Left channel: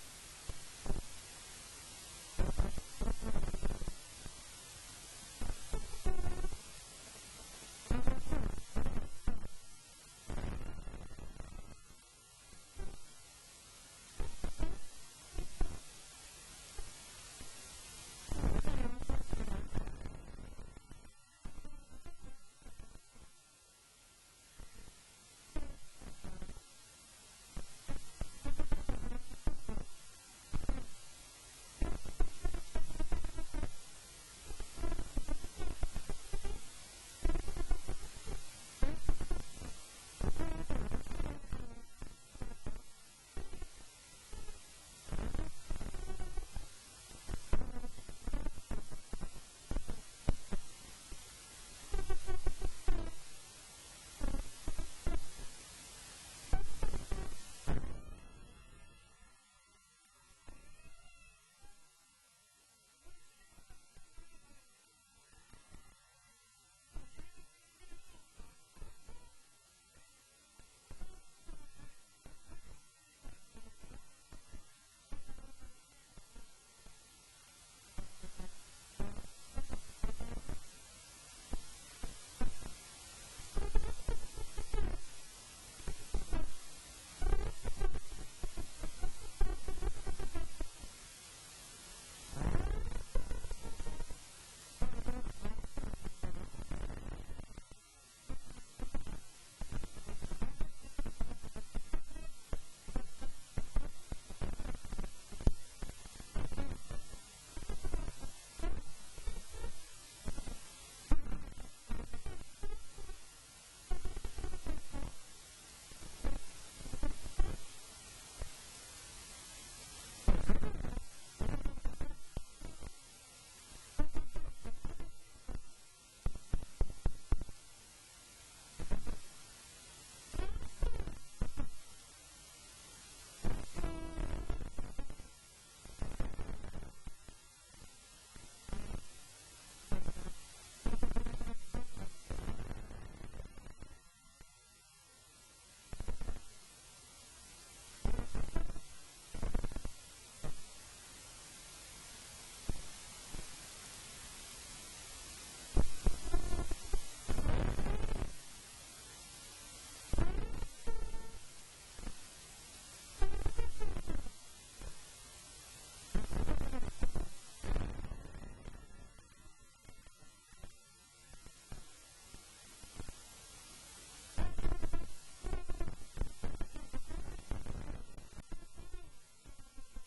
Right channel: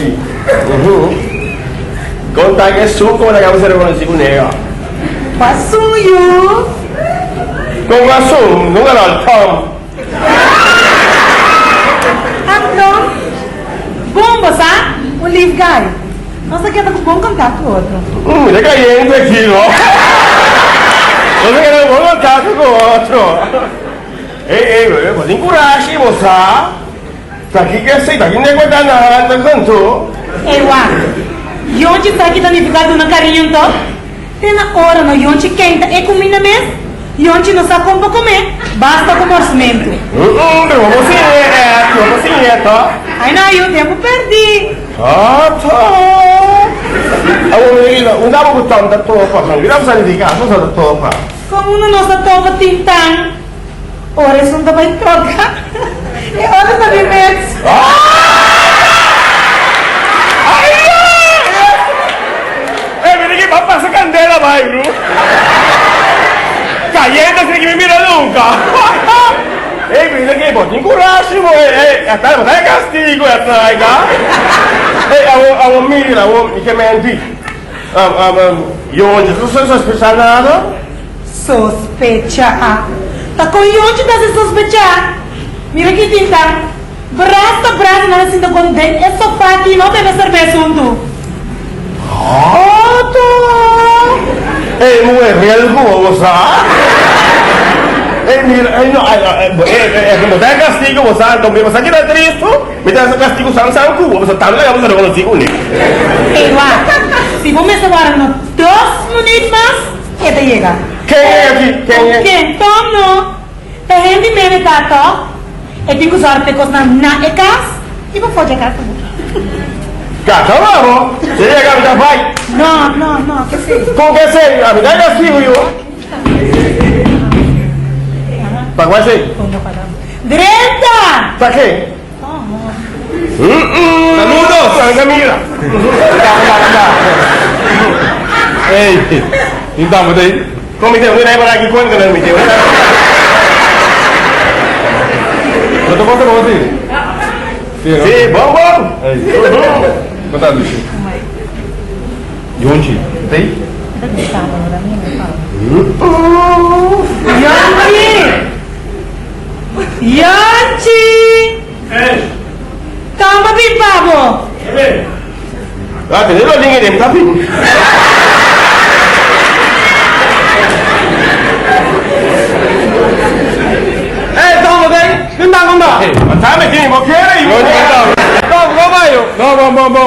Yonchi. Conta que suco na cabeça reconheci com nega. Passuyo. Com asum, não era Tom. Então, bom, você? O live guy. Nossa, que tá com bom contato com o outro. Ele caindo aqui, não? Você quer bom contato com o outro? Ei, mas encoraje, moça. Tá aqui que sei, tá aqui nem guarda nada, canto. Ei, Yonchi tá aqui danificado na carinha, então? Tem na hora, no Yonchi quenta e comida mesmo. Yonchi não sabe como comer, basta com orçamento. Vamos sim, tá? Ai, não, eu tempo perdi. Ah, tá. Não dá para botar da topa, não viramos a ligar, não da topa. Como não nossa topa tintang, ora isso não dá para trocar. E ora tá de medo. Va a pasar candela, vai, bro. Cayendo sin que me mira nunca. Mira que vos tenés coraje, hasta el castigo, mira, y que mentí. Yo, ¿tú sospechas nada? Sospecha. Tá com Yonchi tá se sospechar. Mira que tinta. Brasta, não é sinto com dente. É sofá aqui, não deve ser junto. No es real como mira, como está el castigo, vos sabes, también vas a quedar triste, me das el castigo, san cubo, vos también le vamos a reconocer con él. Si vos me separas unos 2 minutos más, ¿qué te llega? ¿Quién es? ¿Quién? Tom no. Te gente me tato, e tengo que usarte cosas na ecas, y vos foge casa. Gato, vamos. Se llega a mi pai. No, que sí. ¿Con qué se? A mi castigo yo. ¿Para cuál se? ¡Derecha! ¿Para qué? Saludos, Camila. Ei, então, mas aí? Como te voy a ir para aquí? ¿Cuándo no me te voy a ir? Eu tô contando com você. Sí, vamos. Quanto Lucio? Yonchi, tem? Yonchi! Calma, Pipabo! Ah, tener los links de tapi. Mas me tiene boqueira e Não,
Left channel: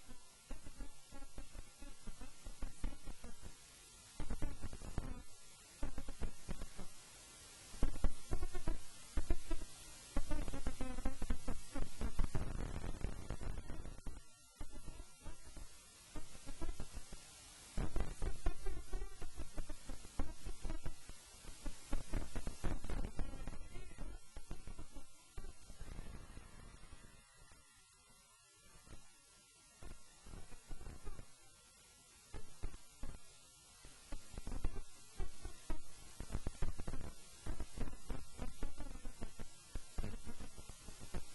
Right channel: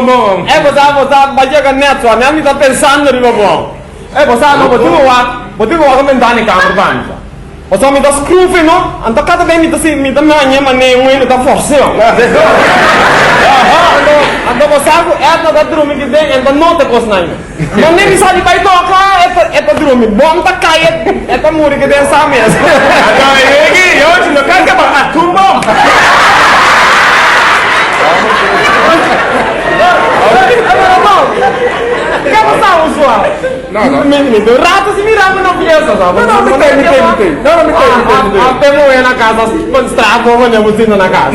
bom. Você vai neto, a minha tá pensando de bom. Você não pode comentar nem câmera banca. Você me dá scrufe, não? Então cada vez me dá minha maneira, ele tá forçando. Então você é da dormir que tem, então não te coisa não. Mas nem sabe vai tocar, é para dormir. Bom tá cair, é para morrer que tem essa mesmo. agora ele hoje não quer que a tumba. Não. Me deu rato se mirava na fiesta, sabe? Não, me tem. Até morrer na casa, estrago, você na casa.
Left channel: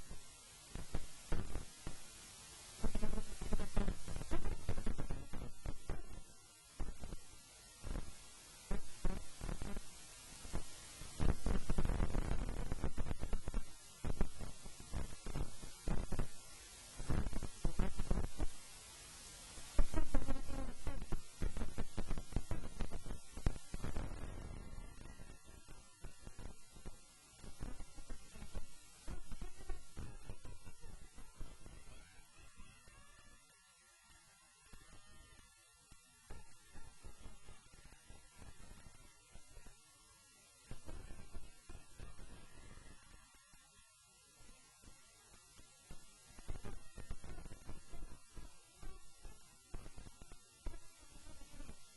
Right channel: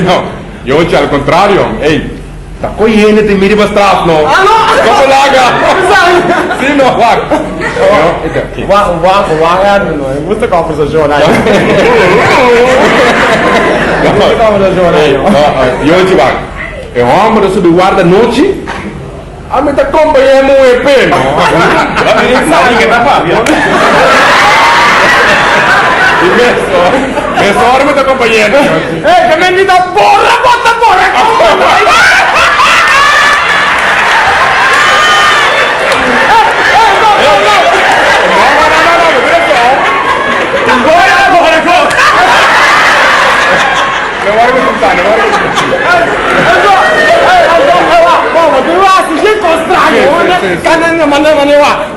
Não. Yonchi, al contrario. Ei, tá cogliendo te miri pra trás, não. Não! Como larga? Sim, não, larga. Muita conversação aí. Yonchi, vai. É um homem que guarda noite. A mim tá acompanhando um EP, não? Sabe que tá Fábio? Essa hora me tá acompanhando. Ei, que menina porra, bota porra!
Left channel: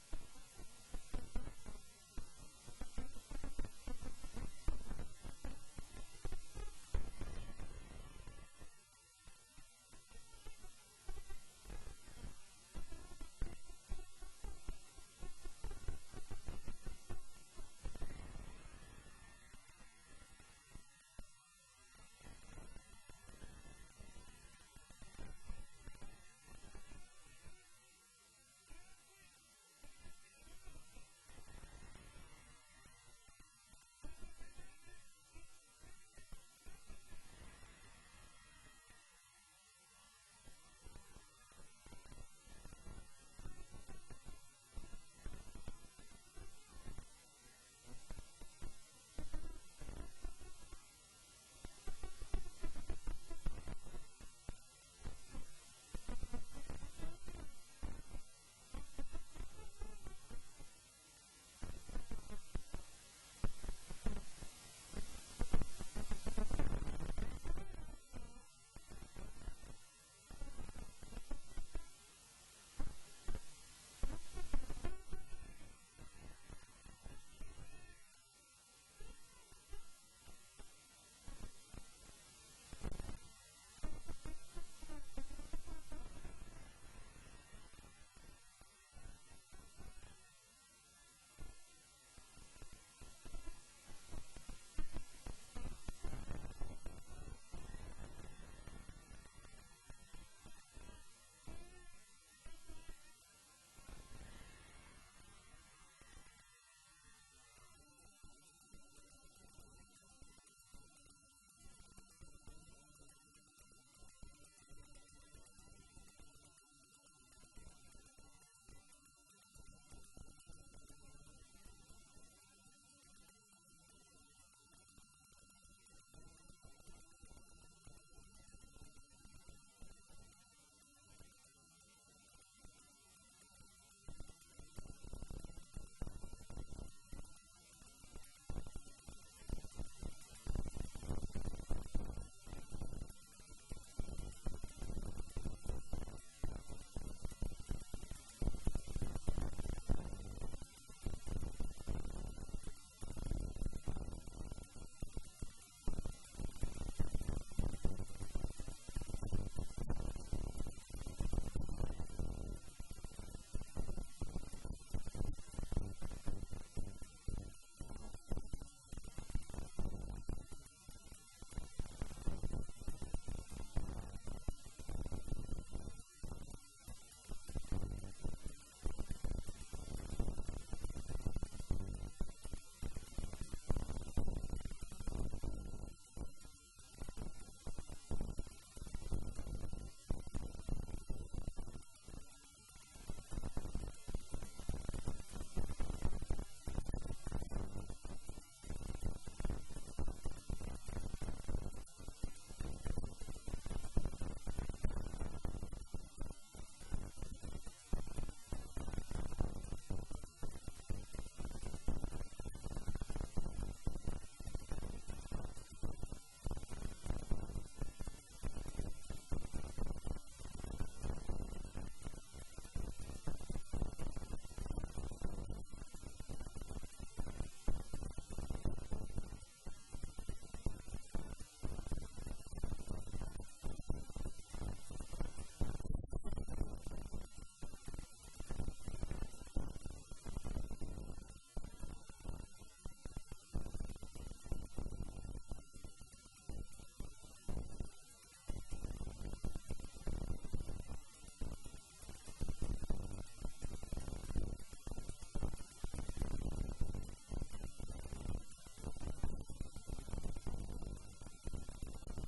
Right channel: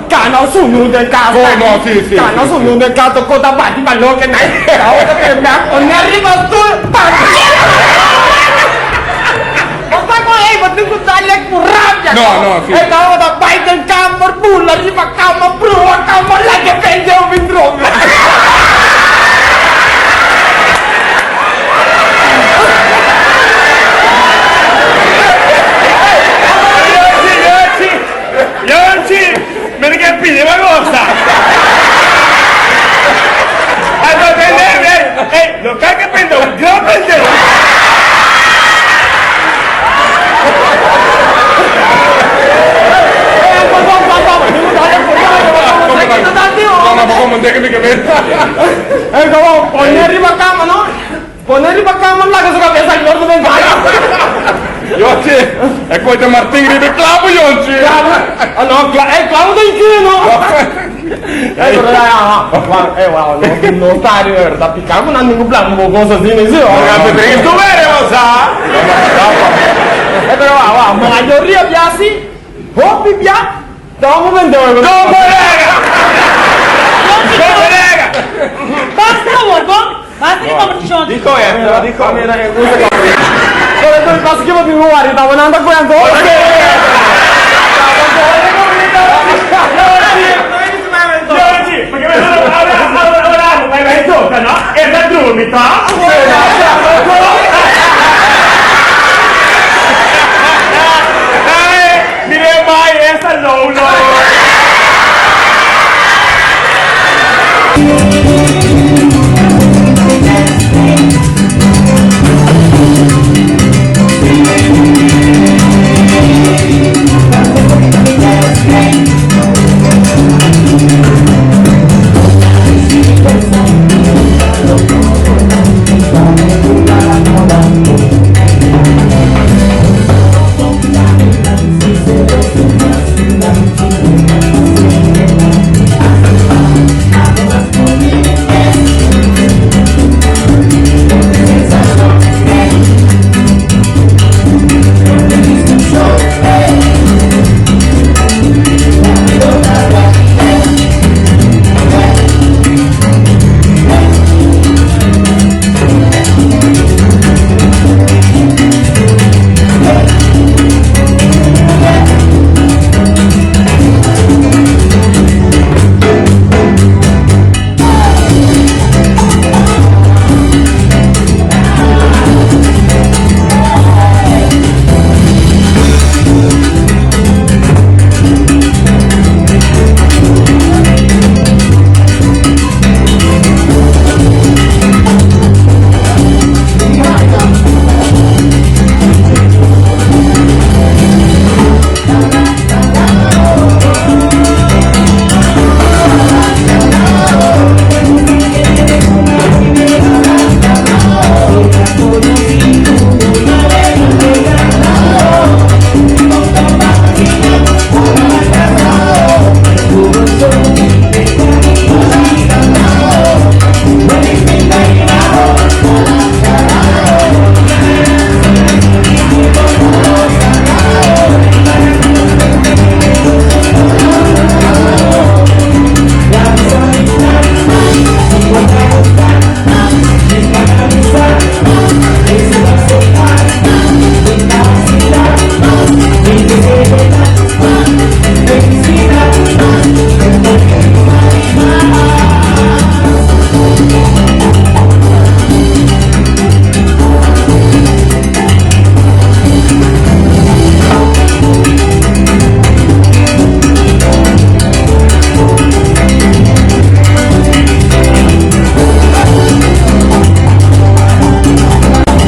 Canal suyo del caso. No, sí. Canal suyo del caso, cosa bati ballo che nai. Ahora que me on arriba tu. Basta ko ba't ko talek mo rabia. No, sì. E tao da Biden camper bulla arriba cama bro, cama la che prende un vindrome. non ripacchiamo là che sono pensato che non vai. Jonci, e poi te Martin ribe klapo, Jonci. Ah no, clavo in chino. Wow, non stare da piccare, non hanno un plan, un cosa di nessuno. Ragazzi, perché tu vero, lo sa? Però wow, ma la teoria piaci? Hoppi pia? Dopo vendevo. Dopo, raga! Dopo, raga! Basta, Borgo. Basta che come ti sono. Dico, dico. Dove basta che mi muori, stavo andando a quanto? Perché ora vai in tocca, no? E da dubito?